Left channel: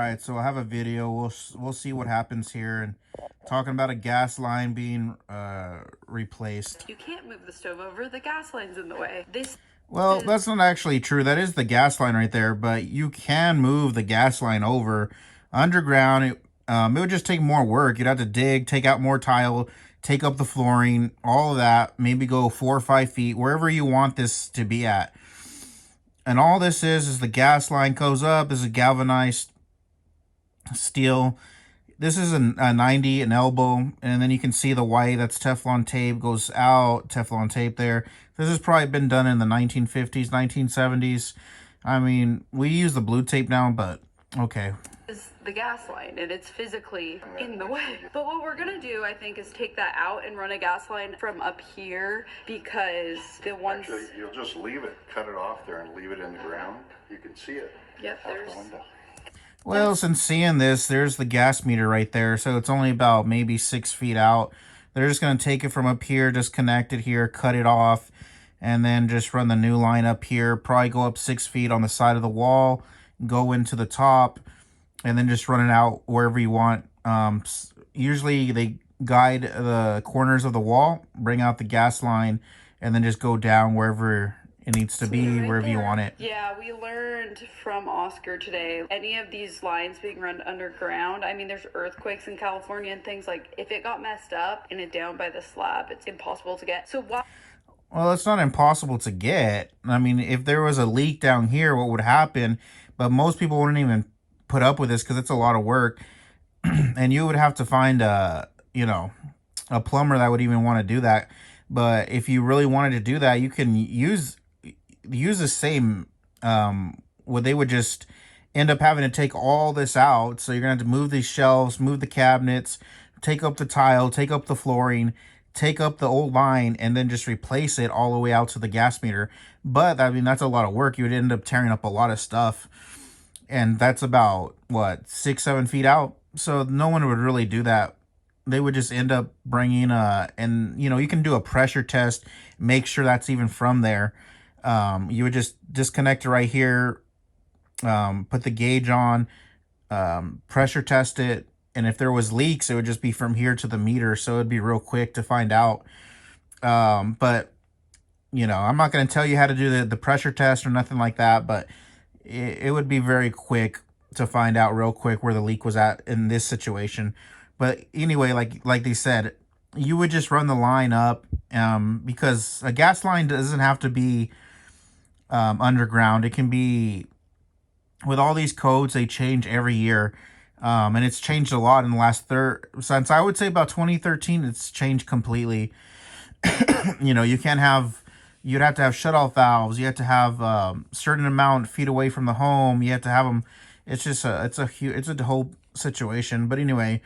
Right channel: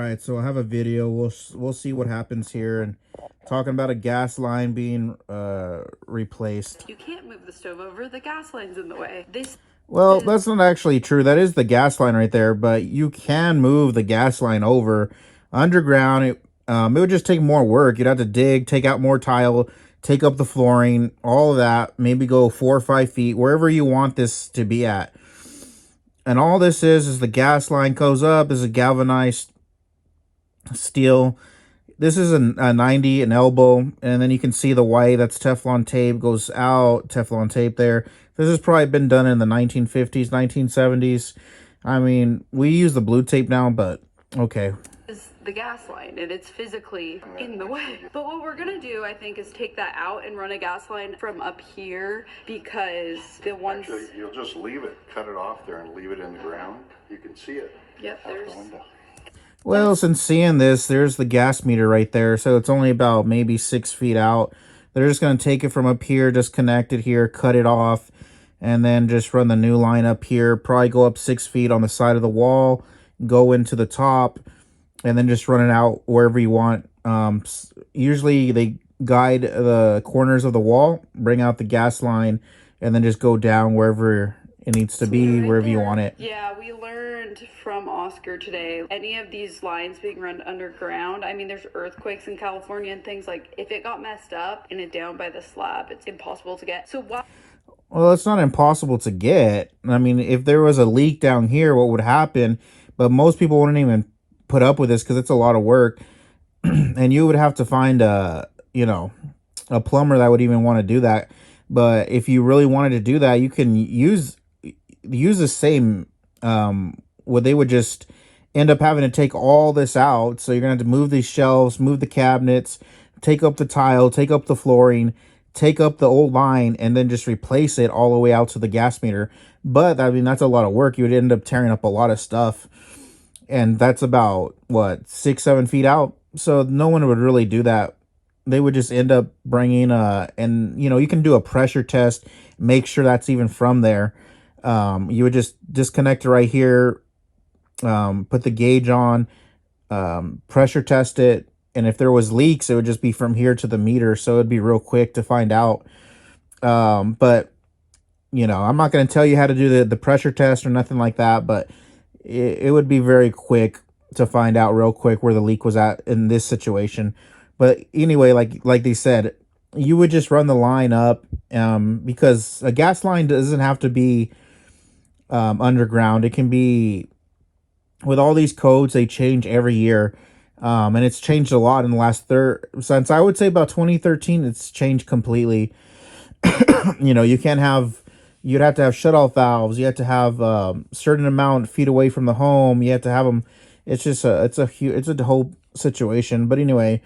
right, so I have a video. We'll see what happens here, and talking about a gas line being replaced. You can't move the stove over, the gas line's in the way. Well, that's not actually true. That is the gas line right there, but you can move the gas line over underground. It would just take more work. You'd have to dig, take out more tile, take up the flooring, all of that. Maybe go 4 or 5 feet, wherever you want this to be at. And all this is the gas line goes up, is a galvanized steel. This is a 90, an elbow, and then you can see the white, that's Teflon tape, goes out, Teflon tape there. This has probably been done in the 1950s, 1970s. I mean, we use the blue tape now, but okay. Is the gas line, and it's physically in the way. But what we're gonna do, I think, is take that out and run a gas line from up here, because the ones... Actually, you'll just leave it, cut it off there and leave it in the ground. You can see it. Yep, there's... Well, since seeing this, there's the gas meter right there. So it's only about maybe 6 feet out. They're just going to take it from up here, disconnect it here, cut it off, and then just run the new line up here. Probably go up 6 feet on the side of the wall, go into the top, and then just run it out wherever you want. Usually they guide the corners of the wall, bring out the gas line, and then just go down wherever it needs to be, wherever you want it. Yeah, we learned from Oscar today, any of these lines being run underground, I mean, there's earthquakes in California and things, like, if it got messed up and it down by the slab, it's impossible to get. So why... Well, it's not impossible to get. I mean, if there was a leak down here, what would happen? But most people wouldn't even put up with this because it's a lot of work. And you would have to find a plumber that would even want to do that. But if you really wanted to do that, you can use the same, where they would just end up having to take all this out. So you're gonna have to move these shelves, move the cabinets, take up the tile, take up the flooring, take up the old line, and then just replace it all the way out to the gas meter. But I mean, that's a lot of work. You would end up tearing up a lot of stuff, and that's about what, 6-7 feet out. So no one would really do that. They would just end up bringing and you can do a pressure test, make sure that's even from there. You would just disconnect it right here, put the gauge on, pressure test it, and if there was leaks, it would just be from here to the meter, so it'd be real quick to find out. But I'm not going to tell you how to do the pressure test or nothing like that, but it would be very quick to find out real quick where the leak was at in this situation. But anyway, like they said, you would just run the line up, because a gas line doesn't have to be underground. It can be, with all these codes, they change every year, and it's changed a lot in the last since I would say about 2013. It's changed completely. You can't have, you'd have to have shutoff valves, you have to have certain amount feet away from the home, you have to have them. It's just it's a whole situation. But anyway,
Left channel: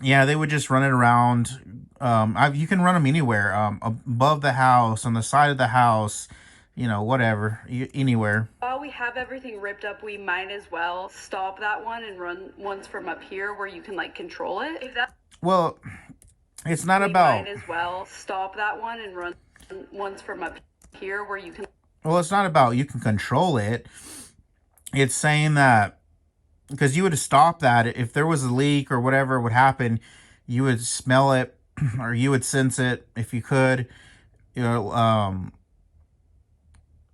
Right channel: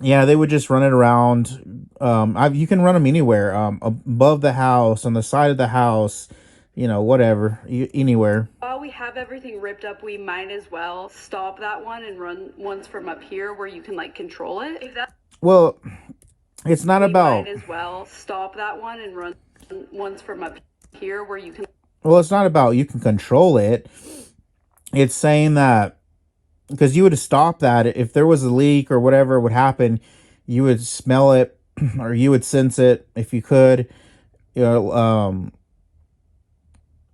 yeah, they would just run it around. You can run them anywhere, above the house, on the side of the house, whatever, anywhere. While we have everything ripped up, we might as well stop that one and run ones from up here where you can control it. Well, it's not about... Might as well stop that one and run ones from up here where you can... Well, it's not about you can control it. It's saying that, because you would stop that if there was a leak or whatever would happen, you would smell it or you would sense it if you could.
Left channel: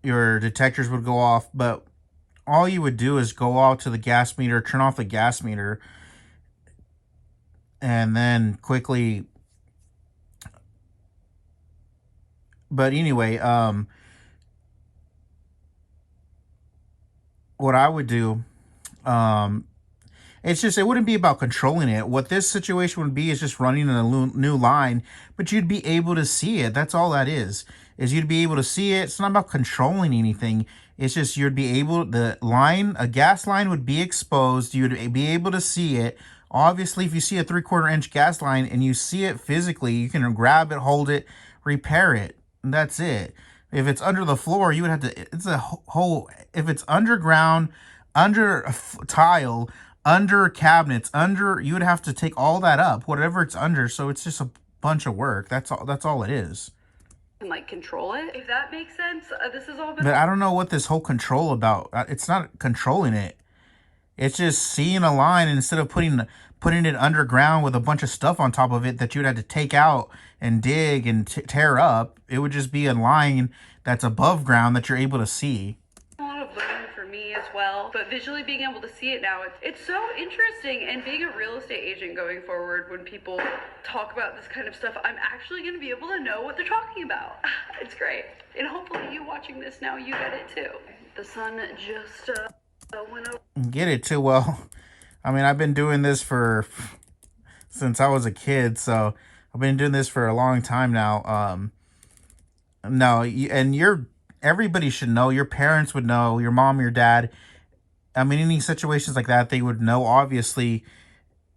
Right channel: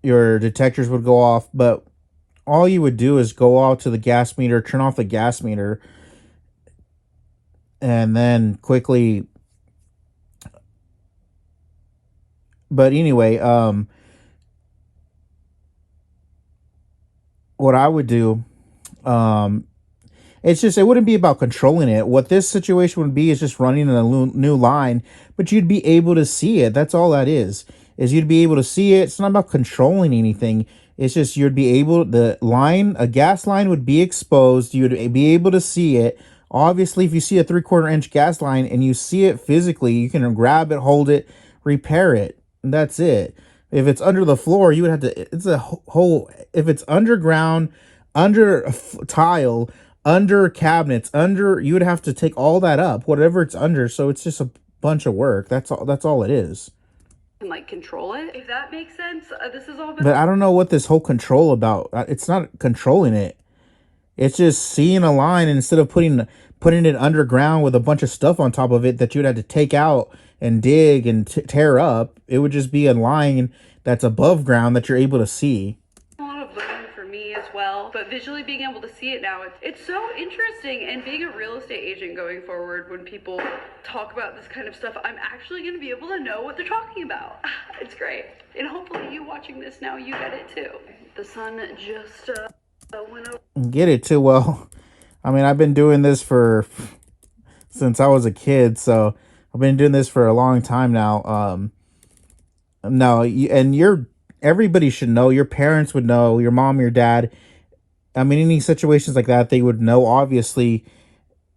Your detectors would go off, but all you would do is go out to the gas meter, turn off the gas meter, and then quickly. But anyway, what I would do, it's just, it wouldn't be about controlling it. What this situation would be is just running a new line, but you'd be able to see it. That's all that is you'd be able to see it. It's not about controlling anything. It's just, you'd be able, a gas line would be exposed. You'd be able to see it. Obviously, if you see a 3/4 inch gas line and you see it physically, you can grab it, hold it, repair it. And that's it. If it's under the floor, you would have to, it's a whole, if it's underground, under a tile, under cabinets, you would have to take all that up, whatever it's under. So it's just a bunch of work. That's all it is. And control it, if that makes sense. This is all. But I don't know what this whole control about. It's not controlling it. It's just seeing a line instead of putting it underground with a bunch of stuff on top of it that you'd have to take out and dig and tear up. It would just be a line that's above ground that you're able to see. A lot of learning for me as well, but visually being able to see it now, it's so interesting. And being a real estate agent going forward, when people talk about this kind of stuff, I'm actually going to be able to know what they're talking about. It's great. And hopefully you watching this now, you get it too. The sun just went over. Get it too well. I mean, I've been doing this since I was a kid, so I've been doing this for a long time now. No, everybody should know. Your parents would know. Your mom, your dad. I mean, any situations like that, they would know. Obviously,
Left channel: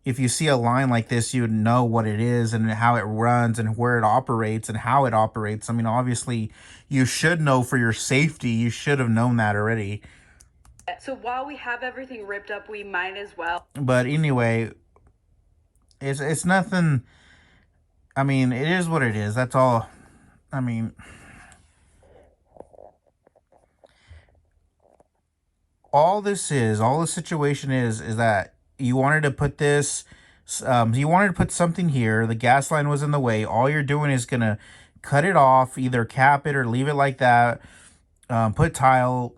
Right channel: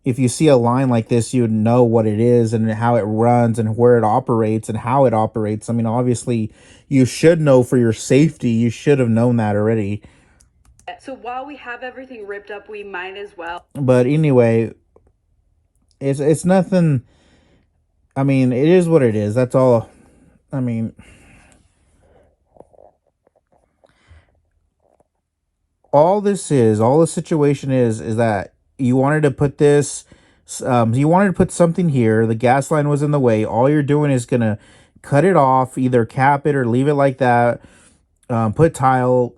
if you see a line like this, you would know what it is and how it runs and where it operates and how it operates. I mean, obviously, you should know for your safety. You should have known that already. So while we have everything ripped up, we might as well. But anyway, it's nothing. I mean, it is what it is. That's all. I mean, all the situation is that you wanted to put this, you wanted to put something here. The gas line was in the way. All you're doing is gonna cut it off, either cap it or leave it like that. Put tile,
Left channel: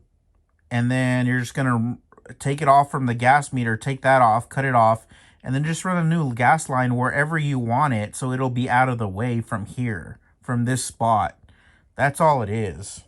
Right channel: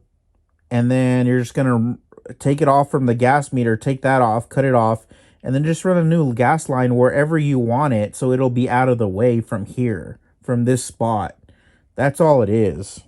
and then you're just gonna take it off from the gas meter, take that off, cut it off, and then just run a new gas line wherever you want it, so it'll be out of the way from here, from this spot. That's all it is.